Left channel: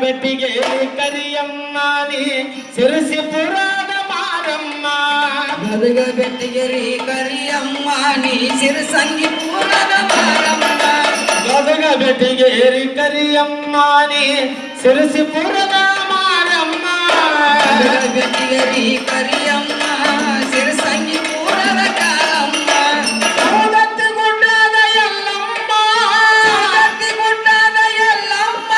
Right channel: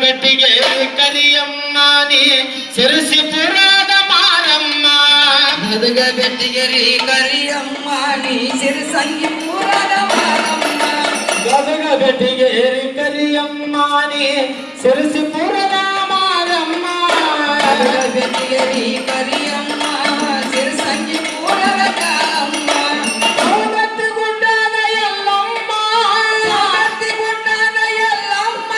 ಬೆಟ್ಟಿಗೆ ಕರಿಯಮ್ಮ ನೀ ಸಿರಸಿಪುರದ ಮಾರಮ್ಮ ಗದಗ ಬೆಟ್ಟಿಗೆರಿ ಕರಿಯಮ್ಮ ನೀ ಸಿರಸಂಗಿಪುರದ ಮಾರಮ್ಮ ಗದಗ ಬೆಟ್ಟಿಗೆ ಕರಿಯಮ್ಮ ನೀ ಸಿರಸಿಪುರದ ಮಾರಮ್ಮ ಗದಗ ಬೆಟ್ಟಿಗೆರಿ ಕರಿಯಮ್ಮ ಸಿರಸಂಗಿಪುರದ ಕಾರಮ್ಮ ಸವದತ್ತಿ ಗುಡ್ಡದ ಎಲ್ಲಮ್ಮ ಸವದತ್ತಿ ಗುಡ್ಡದ ಎಲ್ಲಮ್ಮ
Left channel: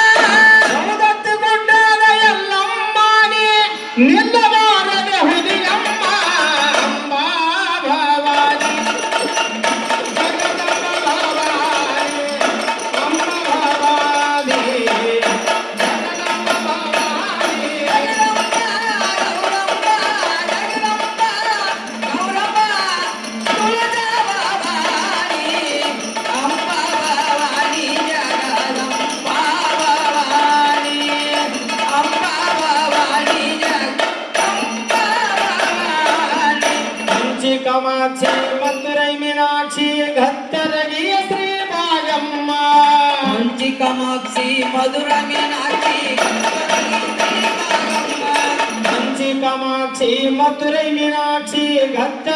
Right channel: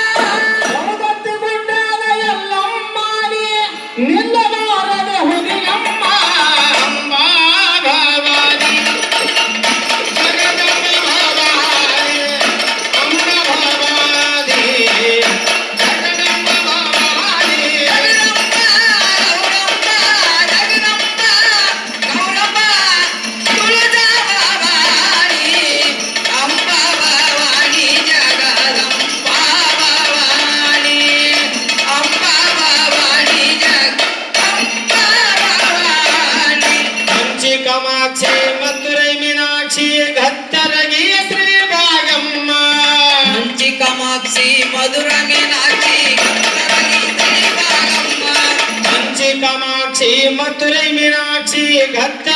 ಸವದತ್ತಿ ಗುಡ್ಡದ ಎಲ್ಲಮ್ಮ ನೀ ನಿನ್ನ ಬಾರದ ಹುಲಿಯಮ್ಮ ಅಂಬಾ ಭವಾನಿ ಜಗದಂಬ ಭವಾನಿ ಅಂಬಾ ಭವಾನಿ ಜಗದಂಬ ಭವಾನಿ ಕಂಚಿ ಕಾಮಾಕ್ಷಿ ಮಧುರೈ ಮೀನಾಕ್ಷಿ ಗತ್ತರಗಿಯ ಶ್ರೀ ಭಾಗಮ್ಮ ಕಾಮಾಕ್ಷಿ ಮಧುರ ಮೀನಾಕ್ಷಿ ಕಂಚಿ ಕಾಮಾಕ್ಷಿ ಮಧುರೈ ಮೀನಾಕ್ಷಿ ಗತ್ತ